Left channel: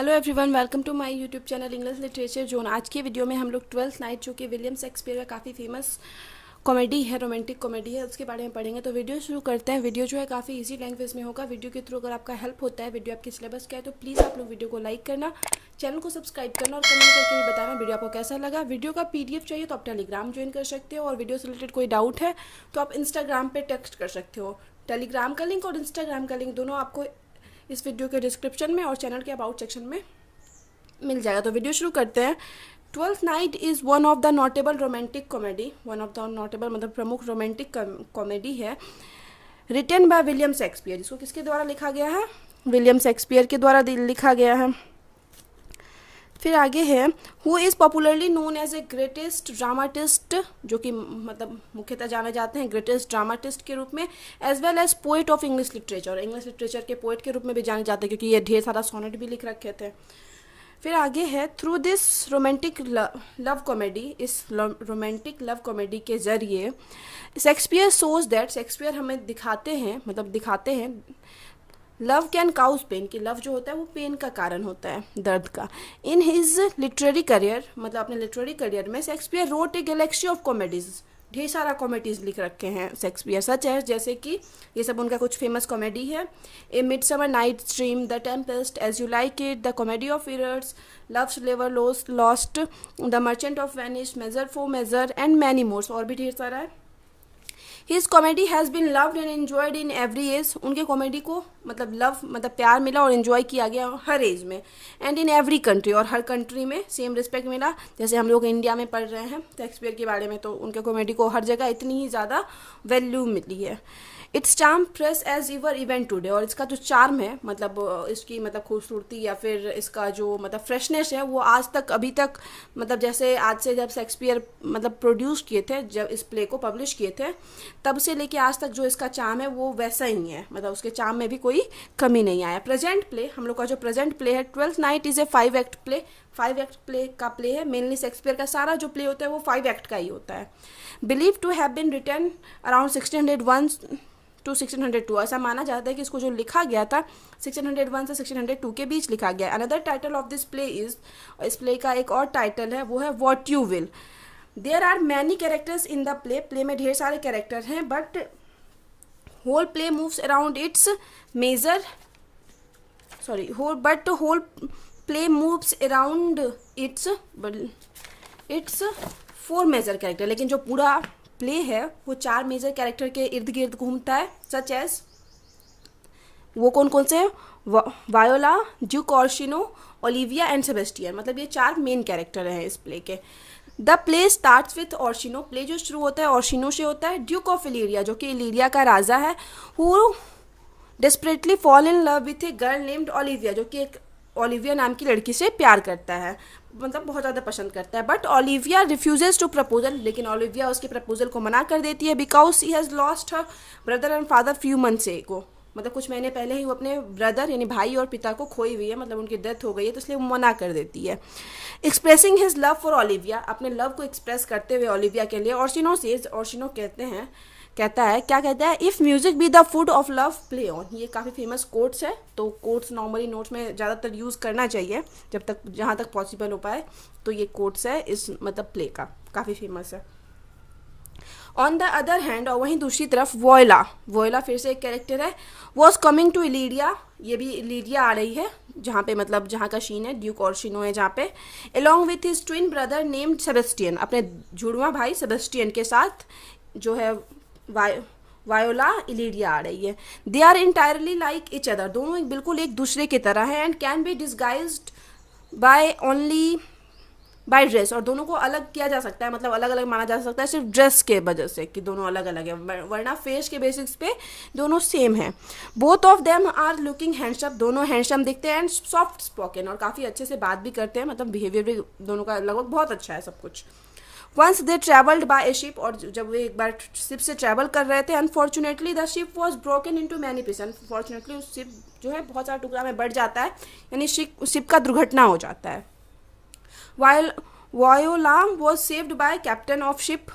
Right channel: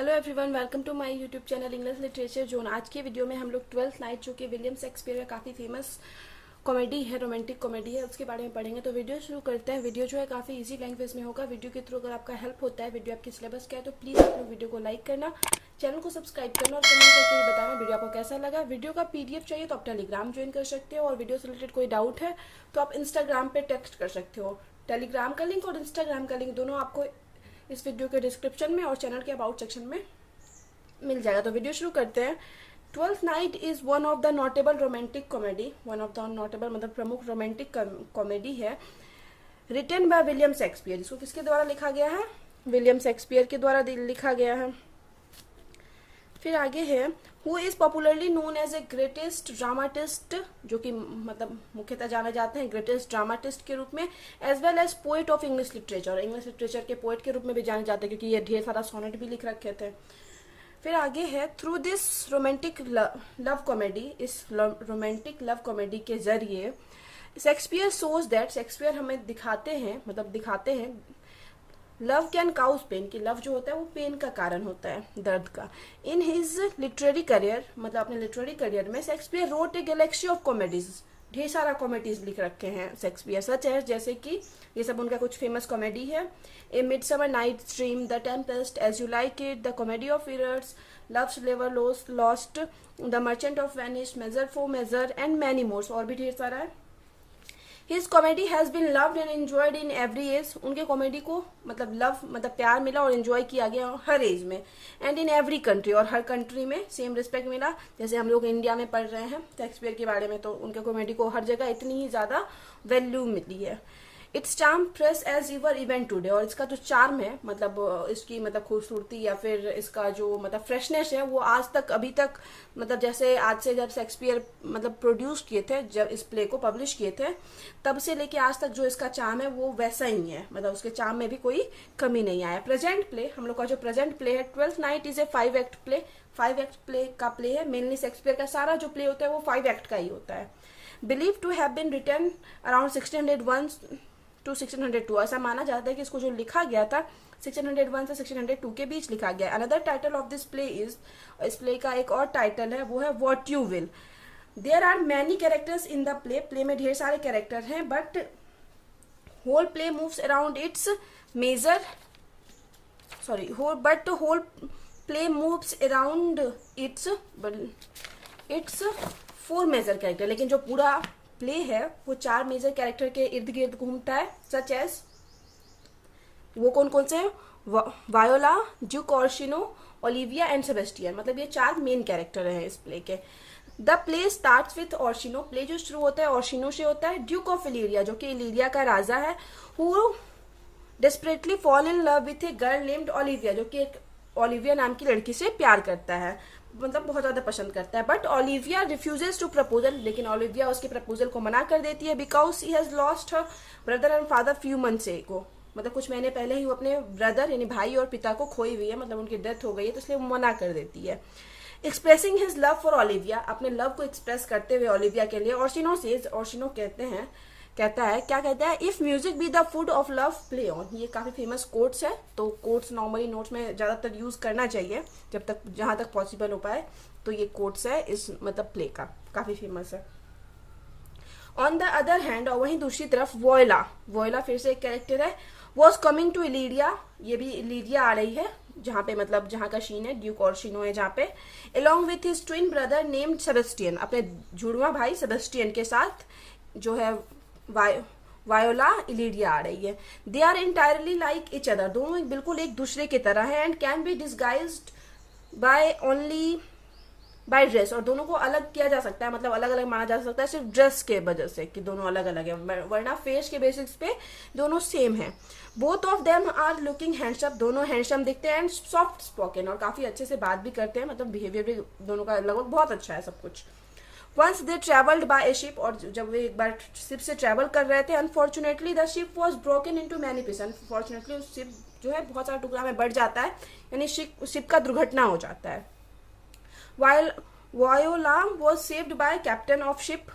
Hello everyone, welcome to my YouTube channel English literature zone. आज की video में हम लोग ट्वेल्थ नाइट, जो कि विलियम शेक्सपियर का काफ़ी फेमस कॉमेडी है, रोमांटिक कॉमेडी है, उसके बारे में पढ़ेंगे। तो वीडियो शुरू करते हैं। वीडियो जो है काफ़ी इजी लैंग्वेज में होगा। वीडियो के थ्रू अगर आपका हेल्प होता है, वीडियो आपके सिलेबस का है, तो प्लीज़ आप लोग वीडियो को लाइक करना, चैनल को सब्सक्राइब करना और कमेंट करके भी बताना वीडियो आपको कैसा लगा। वीडियो का पीडीएफ चाहिए तो आप टेलीग्राम ज्वाइन कर सकते हो, और वीडियो से रिलेटेड कोई डाउट है तो आप इंस्टाग्राम पे टेक्स्ट कर सकते हो। टेलीग्राम का लिंक और इंस्टाग्राम का लिंक दोनों आपको इस वीडियो के डिस्क्रिप्शन में और चैनल के अबाउट सेक्शन में मिल जाएगा। तो वीडियो शुरू करते हैं। Twelfth night is one of the notable romantic comedy, one of the notable मतलब प्रमुख रोमांटिक कॉमेडी है, रिटन बाय विलियम शेक्सपियर। इसको किसके द्वारा लिखा गया है? विलियम शेक्सपियर के द्वारा लिखा गया है। फिर आगे है, who is popularly known as a greatest dramatist, जो कि मतलब मुख्यतः जाने जाते हैं ग्रेटेस्ट ड्रामाटिस्ट के रूप में, as well as poet of English literature. English literature के पोइट के रूप में भी जाने जाते हैं, क्योंकि ये ढेर सारा सोनेट भी लिख रखे थे। फिर आगे है, through this romantic love comedy, इस रोमांटिक लव कॉमेडी के जरिए शेक्सपियर सोज दैट, शेक्सपियर हमें दिखाते हैं लव कैन काउज पेन, कि लव जो होता है वो पेन का कारण होता है, दर्द का। इन हिज लिटरेरी करियर, मतलब अपने लिटरेरी करियर में Shakespeare wrote a Galaxy of comedies, ढेर सारा कॉमेडीज लिख रखे हैं शेक्सपियर, सच है जैसे कि ये सब उनका कुछ फेमस कॉमेडी है। A Midsummer night dream, the Tempest, as you like it, the comedy of errors, loves लेवर lost, the merchant of Venice, measure for measure and many mores, और भी ढेर सारा है। His comedy has been loved and enjoyed in every age, उनके comedy को मतलब love मतलब प्यार मिला और एन्जॉय किया गया हर एज में, एंड इन एवरी कंट्री, और हर कंट्री में सेम रिस्पेक्ट मिला। जैसे हम लोग इंडिया में पढ़ रहे हैं शेक्सपियर के बारे में, तो उनके कॉमेडी को हर जगह इतनी ही ज़्यादा वैल्यू मिली है। It's charm press as इवर event today, और इसका जो चार्म है मतलब इसकी मतलब खूबसूरती या फिर इसका जो मतलब फ्रेशनेस है, वो आज तक अभी तक मतलब जैसे आज से जब शेक्सपियर मतलब प्रोड्यूस किए थे, जब इस प्ले को पब्लिश किए थे, तब से लेके आज तक जो इसका चार्म है वो वैसा ही है, मतलब उसके चार्म में भी कोई कमी नहीं आया। प्रेजेंट प्ले, हम लोग का जो प्रेजेंट प्ले है, twelfth Night is a 5 act play, 5 act play का प्ले है। मेनली शेक्सपियर का सारा जो प्ले होता है वो 5 एक्ट का ही होता है। Believe to have been written around 1601 to 1602, ऐसा माना जाता है कि इसको जो लिखा गया था 1601 से 1602 के बीच लिखा गया। Another title of this play is, इस प्ले का एक और टाइटल है, वो है what you will. There are many characters in the play, play में ढेर सारे कैरेक्टर हैं, but whole play moves around its major whole play moves around its 4 major character, लेकिन जो पूरा प्ले है वो 4 मेजर कैरेक्टर के इर्द गिर्द घूमता है, सच एज वो कौन कौन से हैं? Viola, Duke Orsino, Olivia and Sebastian, मतलब ये 4 मेन कैरेक्टर हैं इस प्ले के। The play starts with Orsino, play जो शुरू होता है ऑर्शिनो से होता है। ड्यूक ऑफ इलीरिया, जो कि इलीरिया का राजा है, who desperately fall in love with a girl named Olivia, जो कि एक ओलिविया नाम की लड़की से प्यार करता है, मतलब बहुत ज़्यादा पसंद करता है। But Olivia refuses to proposal, लेकिन ओलिविया उसके प्रपोजल को मना कर देती है, because she has lost her brother and father few months ago, मतलब कुछ महीने पहले ही वो अपने ब्रदर यानी भाई और पिता को खोई हुई है, मतलब उनकी डेथ हो गई है, तो इसलिए वो मना कर देती है। Expressing his love for Olivia, अपने लव को एक्सप्रेस करते हुए ओलिविया के लिए, ऑर्शिनो कहता है क्या कहता है, if music be the food of love play on. ये काफ़ी फेमस कोट्स है, तो कोट्स नॉर्मली नोट्स में ज़्यादातर यूज़ करना चाहिए जब तक जहाँ तक पॉसिबल हो पाए, तो ये कोट्स है इस मतलब प्ले का, काफ़ी फेमस है। ऑन द अदर हैंड, और वहीं दूसरी तरफ वोयला फिर से एक कैरेक्टर है, वॉज कमिंग टू इलीरिया, ये भी इलीरिया आ रही है जहाँ पे मतलब जहाँ का शीन है ड्यूक ऑर्शिनो है जहाँ पे, along with his twin brother named Sebastian, अपने जुड़वा भाई सेबेस्टियन के साथ जो है वायोला इलीरिया आ रही है। They are entirely like each other, दोनों बिल्कुल एक दूसरे की तरह है, and can be disguised by only by dress, और दोनों को अलग किया जा सकता है, मतलब अलग अलग माना जा सकता है सिर्फ ड्रेस के वजह से कि दोनों अलग अलग है, वरना फेस के बेसिक्स पे दोनों सेम है। Both of them are looking handsome, दोनों हैंडसम दिखते हैं, एंड सॉफ्ट स्पोकन, और काफ़ी अच्छे से बात भी करते हैं, मतलब बिहेवियर भी दोनों का लगभग बहुत अच्छा है सब कुछ। Once they travelled by a ship, और जब वे एक बार शिप से ट्रेवल कर रहे थे, unfortunately the ship was broken into many pieces, unfortunately उस शिप जो है बहुत सारा टुकड़ा में बढ़ जाता है, यानी शिप का दुर्घटना हो जाता है। Voila was saved by captain of ship,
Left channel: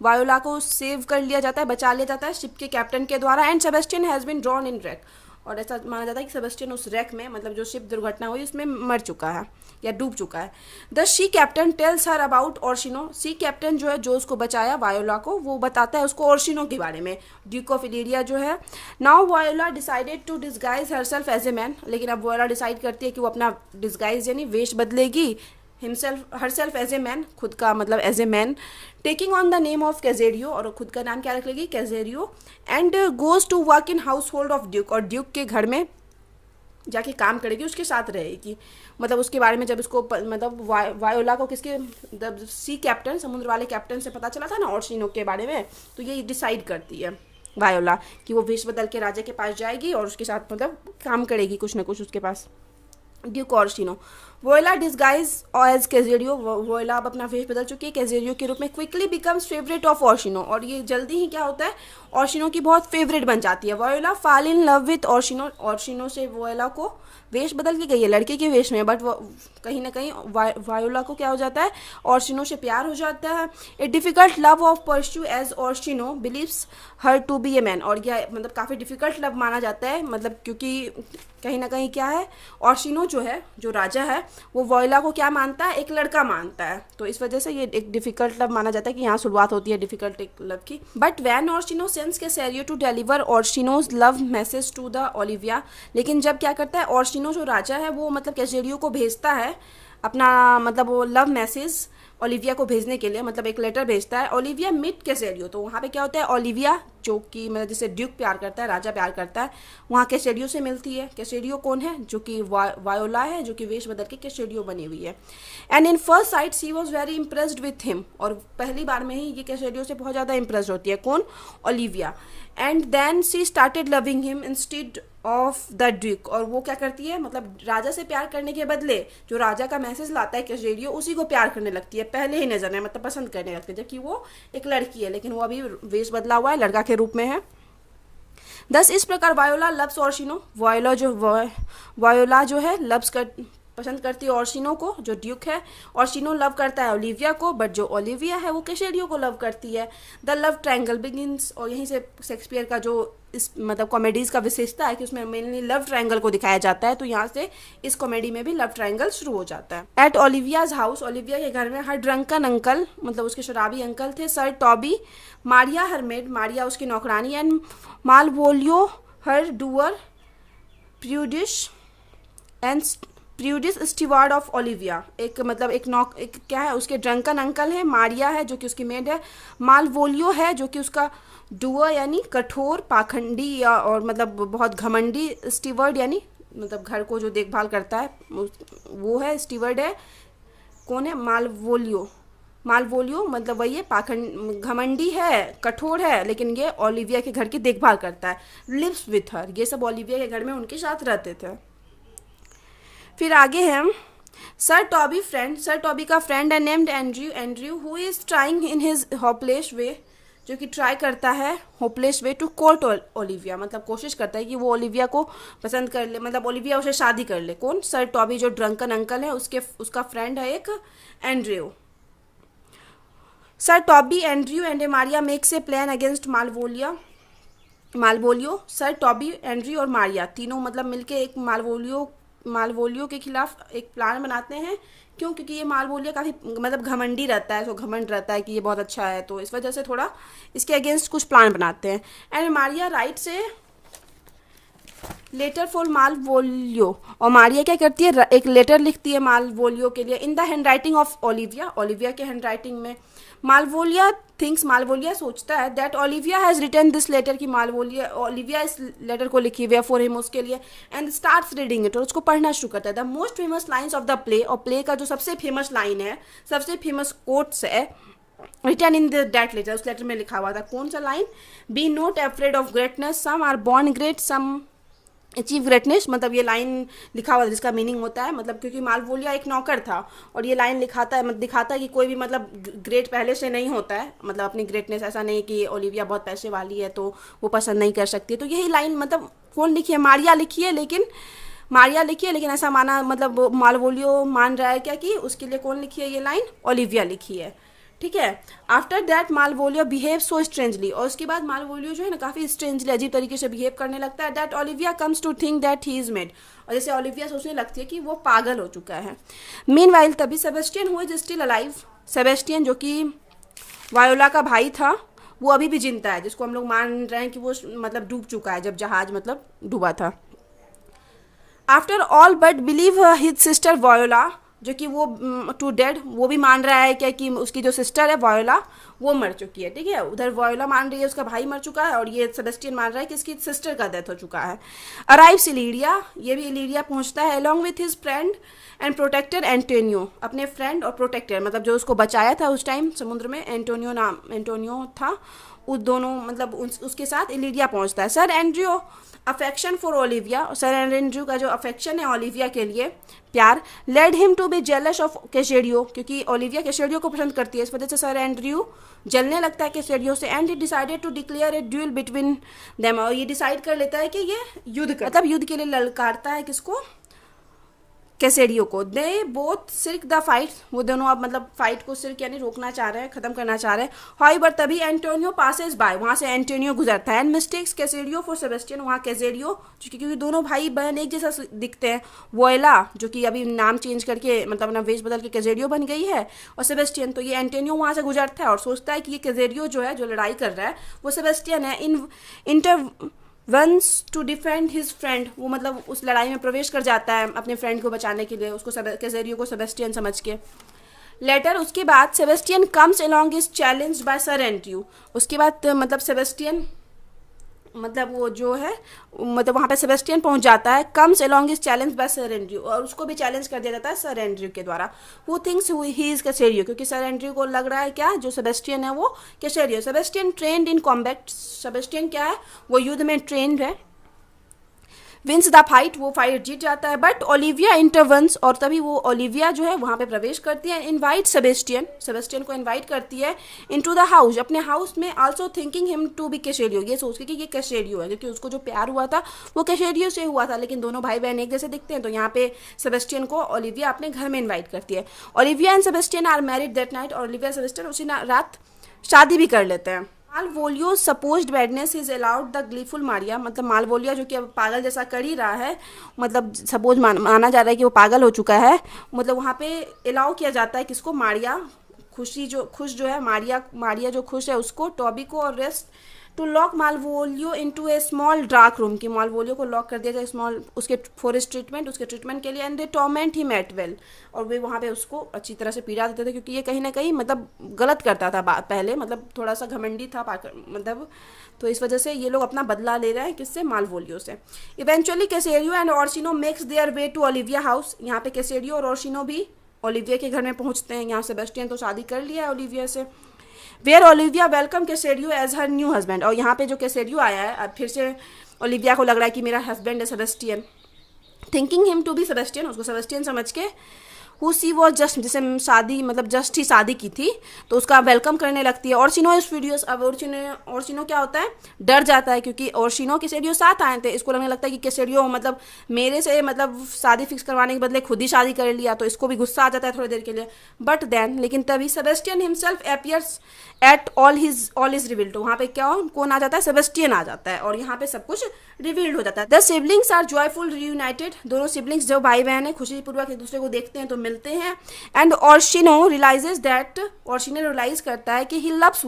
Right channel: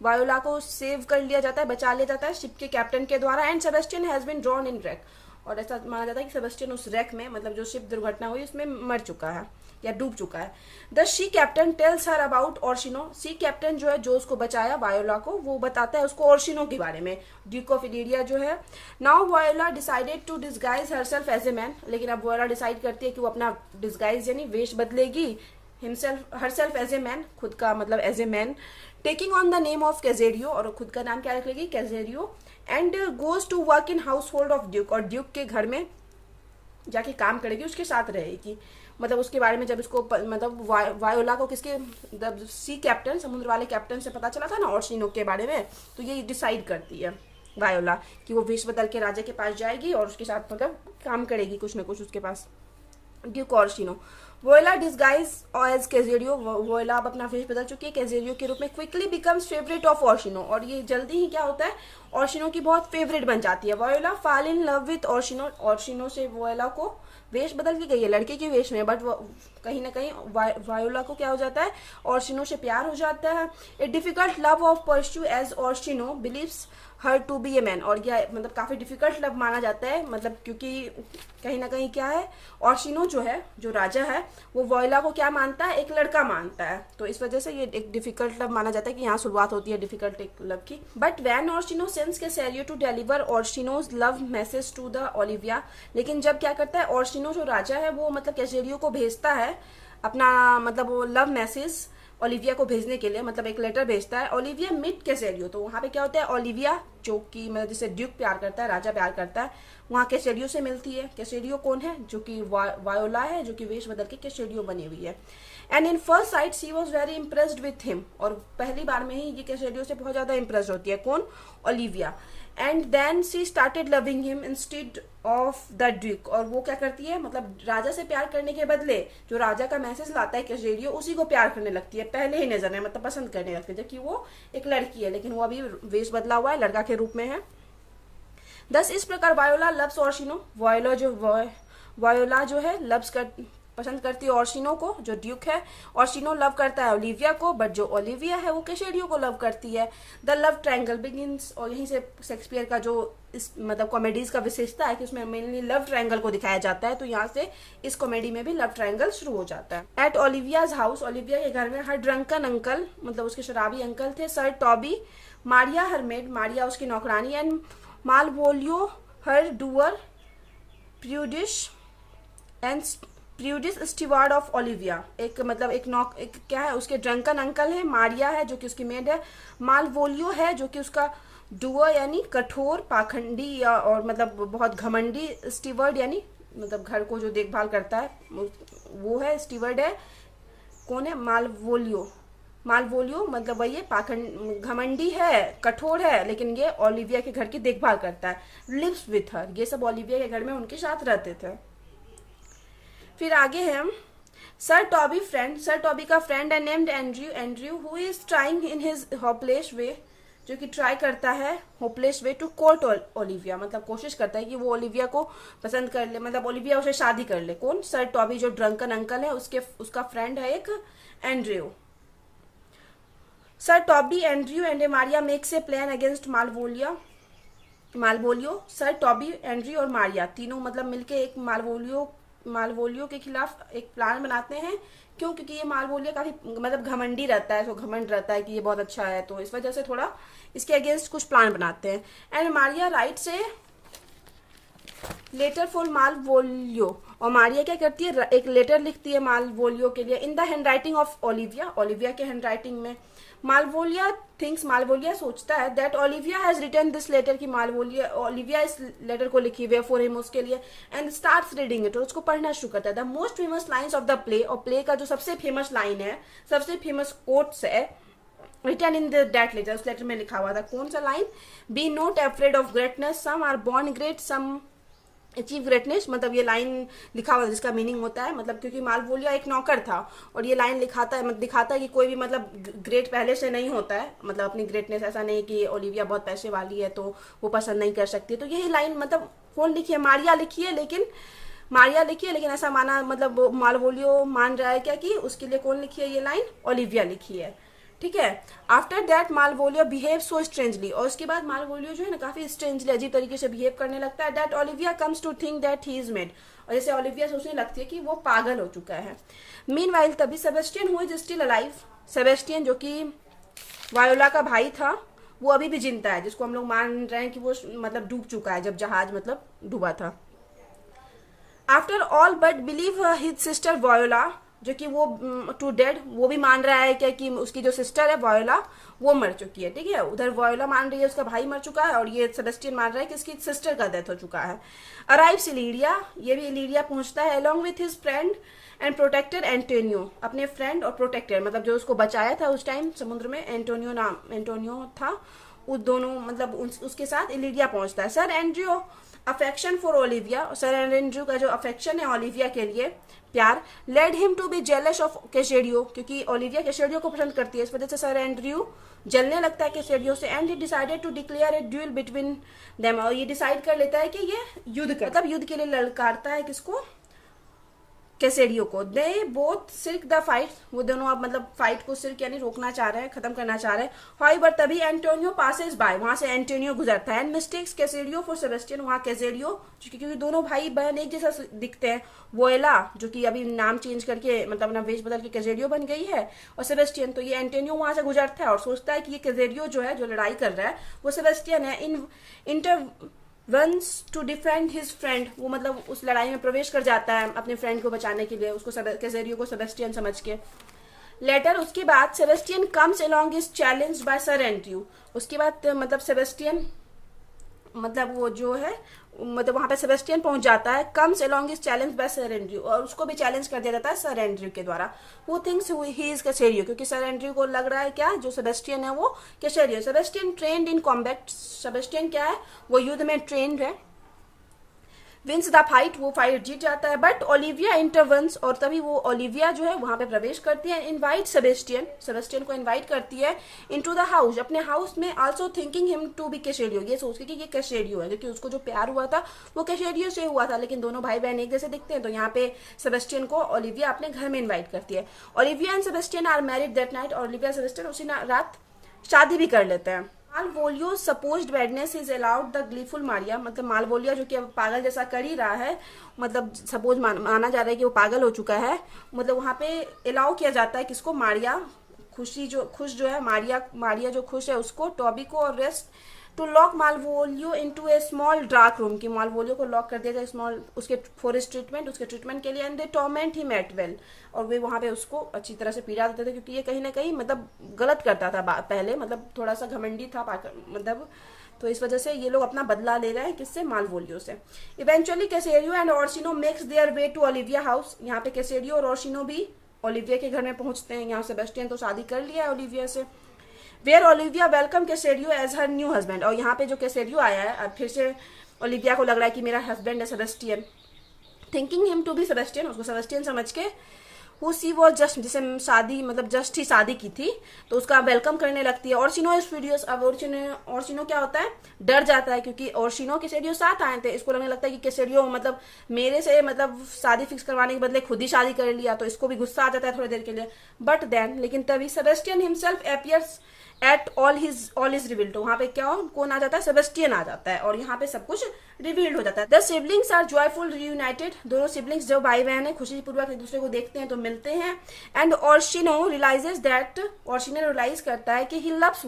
voila को सेव कर लिया जाता है, बचा लिया जाता है शिप के कैप्टन के द्वारा, and Sebastian has been drawn in wreck, और ऐसा माना जाता है कि सेबेस्टियन उस रैक में, मतलब जो शिप दुर्घटना हुई उसमें मर चुका है या डूब चुका है। The sea captain tells her about Orsino, sea captain जो है जो उसको बचाया वायोला को, वो बताता है उसको ओर्शिनो के बारे में, ड्यूक ऑफ इलिरिया जो है। Now Viola decided to disguise herself as a man, लेकिन अब वायोला डिसाइड करती है कि वो अपना डिस्गाइज यानी वेश बदलेगी, himself herself as a man, खुद का मतलब as a man, taking on the name of Cesario, और खुद का नाम क्या रख लेगी, Cesario, and goes to work in household of duke, और ड्यूक के घर में जाके काम करेगी, उसके साथ रहेगी। मतलब उसके बारे में जब उसको मतलब वायोला को किसके, सी कैप्टन, समुद्र वाले कैप्टन से पता चला था ना ओर्शिनो के बारे में, तो ये डिसाइड करती है वायोला कि वो वेश बदल के राजा के पास जाएगी और उसके साथ मतलब काम करेगी कुछ ना कुछ उसके पास, ड्यूक ओर्शिनो। वोयला डिस्गाइज एज कैजेरियो, वोयला अब अपना फेस बदल चुकी है कैजेरियो के रूप में, क्विकली बिकम्स फेवरेट ऑफ ओर्शिनो, और ये जल्दी ही क्या होता है, ओर्शिनो की बहुत फेवरेट बन जाती है। वोयला फॉल इन लव विथ ओर्शिनो, ओर्शिनो से वोयला को वेश बदल के गई है लड़के के वेश में, बट वो कहीं ना कहीं वायोला को क्या हो जाता है, ओर्शिनो से प्यार हो जाता है। A difficult love of pursue as Orsino believes her to be a man, और यह मतलब काफ़ी डिफिकल्ट लव माना जाता है, मतलब क्योंकि कहीं ना कहीं क्या है, ओर्शिनो जो है जो राजा है वो वोयला को क्या मानता है, एक लड़का मानता है, तो इस वजह से ये एक डिफिकल्ट लव माना जाता है कि यहाँ शुरुआत होती है डिफिकल्ट एक लव की। But when Orsino sends Cesario to deliver Orsino's love message to the Olivia, लेकिन जब क्या करता है ओर्शिनो जो राजा है वो मतलब कैसेरियो को भेजता है अपना मतलब वो लव मैसेज ओलिविया को भेजने के लिए, मतलब एक लेटर भेजता है। ओलिविया मीट कैसेरियो, तो वहाँ पे क्या होता है, ओलिविया जो कि मतलब जिसे ड्यूक प्यार करता है, राजा प्यार करता है, वहाँ कैसेरियो से मिलती है। कैसेरियो कौन है, जो कि वायोला है, जो कि वेश बदल के कैसेरियो बनी हुई है। And in first sight she was very impressed with him, और पहली बार में ही ये कैसेरियो से बहुत ज़्यादा इम्प्रेस होती है, कौन, Olivia. And then she started loving him instead of the duke, और वो क्या करती है, मतलब राजा से प्यार करने के बदले जो राजा का मैसेज लाता है कैसेरियो उसी को प्यार करने लगती है पहले ही नजर में, मतलब पसंद करने लगती है, जबकि वो एक लड़की है, लेकिन वो अभी वेश बदला हुआ है, लड़का के रूप में है। दस इस प्रकार वायोला लव्स ओर्शिनो, वायोला जो है लव्स कर पसंद करती है ओर्शिनो को, जो ड्यूक है। ओर्शिनो लव करता है ओलिविया को, बट जो ओलिविया है वो कैसेरियो को लव करती है। द लव ट्रायंगल बिगिंस, और यहीं से शेक्सपियर का जो इस मतलब कॉमेडीज का विशेषता है कि उसमें मेनली लव ट्रायंगल को दिखाया जाता है, तो यहाँ से इस कॉमेडी में भी लव ट्रायंगल शुरू हो जाता है। एट ओलिवियाज हाउस, ओलिविया के घर में हर ड्रंकन अंकल, मतलब उसके शराबी अंकल थे, sir Toby, Maria her maid, Maria उसकी नौकरानी, and Malvolio her doer, prudish and prudish steward of Olivia, एक मतलब एक क्या है, उसके ड्रंकन अंकल है, मारिया है जो कि उसकी मेड है, मालवोलियो है जो कि उसका डुअर यानी कठोर पाखंडी या और मतलब बहुत घमंडी, स्टीवर्ड यानी मतलब घर को जो देखभाल करता है वो है, स्टीवर्ड है, कौन है, मालवोलियो। मालवोलियो मतलब वही है, पाखंड घमंडी है, कठोर है, लेकिन ये ओलिविया के घर की देखभाल करता है। लिव्स विथ हर, ये सब ओलिविया के घर में उनके साथ रहते थे। फिर आगे है sir Toby friend, sir Toby का फ्रेंड है named Andrew, Andrew who is trying in his hopeless way, जो कि ट्राई करता है hopeless way to court Olivia, मतलब कोशिश करता है कि वो ओलिविया को पसंद कर ले, मतलब ओलिविया उसे शादी कर ले। कौन, सर टॉबी जो ड्रंकन अंकल है उसका फ्रेंड है एक Andrew. Sir Toby, Andrew and Maria makes a plan against Malvolio, sir Toby, Andrew और मारिया तीनों मतलब मिलके एक मालवोलियो के खिलाफ एक प्लान बनाते हैं। क्यों, क्योंकि ये मालवोलियो काफ़ी मतलब घमंडी रहता है, तो घमंड रहता है कि ये बहुत अच्छा है, तो इस वजह से थोड़ा इसके अगेंस्ट कुछ प्लान बनाते हैं। एंड मारिया राइट से लेटर फॉर मालवोलियो, और मारिया क्या करती है, एक लेटर लिखती है मालवोलियो के लिए in the handwriting of Olivia, Olivia के हैंड राइटिंग में। मालवोलिया सोचता है that Olivia has written this letter, की ओलिविया इस लेटर को लिखी हुई है फॉर हिम, उसके लिए, एंड स्टार्ट्स रीडिंग इट, और उसको पढ़ना शुरू करता है। The most famous lines of the play, और प्ले का जो सबसे फेमस लाइन है, सबसे फेमस कोट्स है, रिटन इन दैट लेटर, उस लेटर में लिखा हुआ था। कौन सा line, be not afraid of greatness, some are born great, some achieve greatness, मतलब ये लाइन लिखा हुआ है जिसका मीनिंग होता है, मतलब क्योंकि मालवोलिया एक नौकर था और ये लाइन दिखाता है कि कोई भी मतलब ग्रेट पहले से नहीं होता है, मतलब अपनी ग्रेटनेस, ऐसा नहीं कि ओलिविया बहुत पैसे वाली है तो वो पसंद नहीं कर सकती, तो यही लाइन मतलब कौन लिखी है, मारिया लिखी है, लेकिन ऐसा माना मतलब मालवोलियो मान रहा है क्या कि उसके लिए कौन लिखी है ये लाइन, ओलिविया लिखी है। ठीक है। After that Malvolio behave so strangely, और उसके बाद मालवोलियो जो है ना काफी स्ट्रेंजली अजीब तरीके से बिहेव करने लगता है। That Olivia comes to think that he is mad, और जैसे ओलिविया सोचने लगती है कि वो पागल हो चुका है। मीनवाइल तभी Sebastian who is still alive, Sebastian जो कि वायोला का भाई था, वो अभी भी जिंदा है, जिसको हम लोग मान रहे हैं कि वो मतलब डूब चुका है जब जहाज मतलब डूबा था। After all but believe his sister voila, जो कि वो टू डेड, वो भी मान रहा है क्या कि उसकी जो सिस्टर है वायोला वो मर चुकी है, ठीक है। उधर वायोला मान रही है उसका भाई मर चुका है, और ये सेबेस्टियन मान रहा है कि इसकी सिस्टर का डेथ हो चुका है। अराइव्स इलीरिया, ये भी इलीरिया पहुंचता है along with his friend and protector Antonio, अपने फ्रेंड और प्रोटेक्टर मतलब जो उसको बचाया था उस टाइम समुद्र में, एंटोनियो था, उस दोनों मतलब उसके साथ इलीरिया पहुंचता है। Sir Andrew affection for Olivia, sir Andrew का जो अफेक्शन है ओलिविया के लिए, प्यार, led him to be jealous of कैसेडियो, क्योंकि ओलिविया कैसेडियो को पसंद करती है, इस वजह से सर एंड्रयू जलने लगता है कैसेडियो से। And he decided to declare a duel between them, और ये डिसाइड कर लेता है कि ये युद्ध कर, मतलब युद्ध के लिए ललकारता है किसको, कैसेडियो को। दे बोथ सिर्क द फाइट, वो दोनों अब मतलब फाइट को सिर्क यानी रोकना चाह रहे हैं, खत्म करना चाह रहे हैं। हाउएवर तभी एंटोनियो पासेस बाय, वहां से एंटोनियो गुजरता है, एंड मिस्टेक्स कैसेडियो फॉर सेबेस्टियन, वहां कैसेडियो क्योंकि दोनों भाई बहन एक जैसा दिखते हैं, वोएला जो कि अभी नाम चेंज करके मतलब अपना वेश बदल के कैसेडियो बन गई है, और सेबेस्टियन, तो ये एंटोनियो वहां से गुजरता है और सोचता है कि ये कैसेडियो जो है जो लड़ाई कर रहा है वो सेबेस्टियन है। Intervenes to defend his friend, वो मतलब उस लड़ाई में प्रवेश कर जाता है अपने फ्रेंड को बचाने के लिए, उसको कैसेडियो को सेबेस्टियन समझ के। लेटर उसके बाद Sebastian comes along is challenge by sir Andrew, उसके बाद मतलब सेबेस्टियन मतलब वो जो है मतलब वहां पे सेबेस्टियन पहुंच जाता है, comes along is challenge by sir Andrew, और उसको भी चैलेंज कर दिया जाता है सर एंड्रयू के द्वारा। हु थिंक्स ही इज कैसेडियो, क्योंकि सर एंड्रयू को लग रहा है क्या जो सेबेस्टियन है वो कैसेडियो। Sebastian trained in combat, Sebastian क्या है वो युद्ध में ट्रेंड है। विंस द फाइट, वो फाइट जीत जाता है। बट ओलिविया इंटरवंस, और तभी वो ओलिविया जो है वहां पे प्रवेश करती है। इनवाइट सेबेस्टियन, सेबेस्टियन को इनवाइट करती है इनटू द हाउस, अपने हाउस में। Also thinking him to be कैसेडियो, ये सोच के कि ये कैसेडियो है, क्योंकि उसको जो प्यार हुआ था वो कैसेडियो से हुआ था, लेकिन दोनों भाई बहन एक जैसे दिखते हैं, तो यहाँ पे सेबेस्टियन को ओलिविया अपने घर में इन्वाइट करती है। Olivia and Sebastian are married that night, और ओलिविया सेबेस्टियन उसी रात शादी भी कर लेते हैं। Malvolio supposed badness is allowed the gleeful Maria, मतलब मालवोलिया जो कि अब पागल जैसा कर ही रहा है, मतलब सपोज माना जा रहा है कि वो पागल हो चुका है, मतलब वहाँ पे अलाउ किया जाता है किसको, मारिया, खुश जो है मारिया जो खुश है उसको, टॉबी को और rest to lock Malvolio into a small dark room, की मालवोलियो को लॉक कर दिया जाए स्मॉल उसके फॉर उसके ट्रीटमेंट के लिए। And they torment him at well, और वे वहाँ पे उसको अच्छी तरह से पीड़ा देते थे, क्योंकि ये कहीं ना कहीं मतलब गलत करता था पहले, मतलब थोड़ा सा घमंडी था मतलब, तो इस वजह से ये लोग अपना बदला ले रहे हैं किससे, मालवोलियो से। इवेंचुअली कैसेडियो and Orsino makes their way to Olivia house, यहाँ पे कैसेडियो और ओर्सिनो भी ओलिविया के घर में पहुंचते हैं। यहाँ सेबेस्टियन तो शादी कर लिया है ओलिविया से। वेयर ओलिविया वेलकम कैसेडियो एज हर न्यू हस्बैंड, और यहाँ पे जो कैसेडियो आया है अब फिर से ओलिविया को लग रहा है कि मेरा हस्बैंड है Sebastian, thinking him to be Sebastian, उसको सेबेस्टियन समझ के, हु सी वो जस्ट, जिसे शादी मतलब जस्ट ही शादी की थी, तो उसका वेलकम करने लगती है। ओर्सिनो इज फ्यूरियस, अब ओर्सिनो क्या होता है, डर जाता है, क्योंकि ओर्सिनो कैसेडियो साथ आए थे, इसको लगने लगता है कि कैसेडियो मतलब मेरे से मतलब शादी फिक्स करवाने के बदले खुद ही शादी कर लिया, तो इसको भी गुस्सा आ जाता है थोड़ी देर के लिए। बट देन लेकिन तभी Sebastian himself appears at all is revealed, वहां पे क्या कौन आ जाता है, सेबेस्टियन आ जाता है, और यहाँ पे सब कुछ रिवील्ड हो जाता है। The siblings are joyful reunited, दोनों सिबलिंग्स जो भाई बहन है खुशीपूर्वक एक दूसरे को देखते हैं तो मिलते हैं। एंड ओर्सिनो रियलाइजेस दैट, ओर्सिनो रियलाइज करता है कि ही लव्स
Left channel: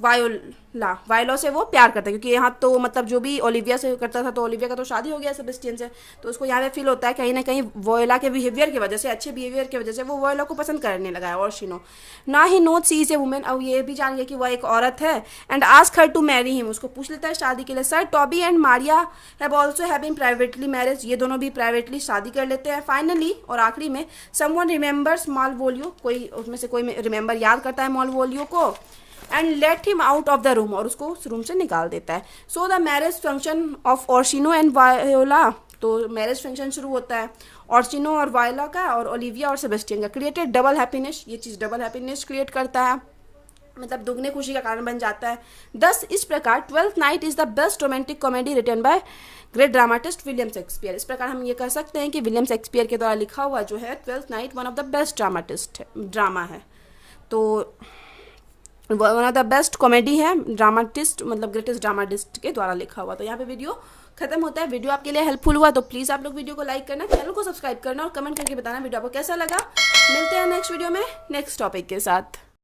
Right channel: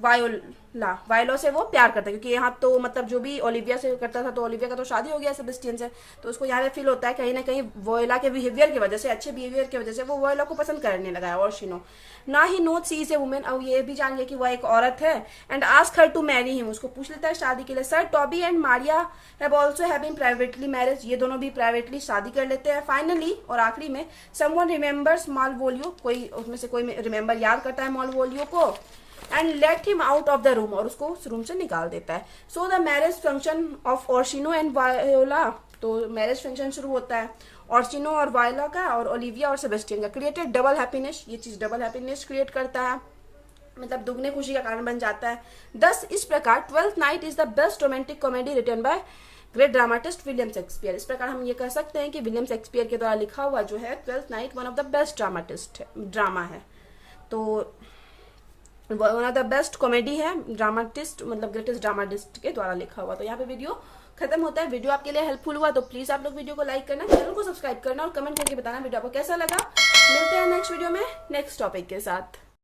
वायोला से वो प्यार करता है, क्योंकि यहाँ तो मतलब जो भी ओलिविया से करता था, तो ओलिविया का तो शादी हो गया सेबेस्टियन से, तो उसको यहाँ पे फील होता है कहीं ना कहीं वोएला के बिहेवियर की वजह से, अच्छे बिहेवियर की वजह से वो वोएला को पसंद करने लगा है ओर्सिनो। ना ही note she is a woman, अब ये भी जान गया कि वह एक औरत है। And ask her to marry him, उसको पूछ लेता है शादी के लिए। Sir Toby and Maria have also having privately marriage, ये दोनों भी प्राइवेटली शादी कर लेते हैं। फाइनली और आखिरी में समवन रिमेंबर्स मालवोलियो, कोई उसमें से कोई रिमेंबर याद करता है मालवोलियो को, and let him out of the room, और उसको उस रूम से निकाल देता है। So the marriage function of Orsino and Viola, तो मैरिज फंक्शन शुरू होता है ओर्सिनो और वायोला का, और ओलिविया और सेबेस्टियन का। क्रिएटेड डबल हैप्पीनेस, ये चीज डबल हैप्पीनेस क्रिएट करता है, मतलब दुगने खुशी का कारण बन जाता है। दस इस प्रकार Twelfth Night is the best romantic comedy written by great dramatist William Shakespeare. इस प्रकार हम ये कह सकते हैं कि विलियम शेक्सपियर के द्वारा लिखा हुआ जो है twelfth night one of the best drama है। तो one of the best comedy है, ड्रामाटिस्ट मतलब ग्रेटेस्ट ड्रामाटिस्ट के द्वारा लिखा हुआ। तो यहाँ पे वीडियो खत्म होता है। वीडियो आपके लिए हेल्पफुल हुआ तो प्लीज़ आप लोग वीडियो को लाइक करना, चैनल को सब्सक्राइब करना और कमेंट करके बताना वीडियो आपको कैसा लगा। मिलते हैं नेक्स्ट वीडियो में नेक्स्ट टॉपिक के साथ।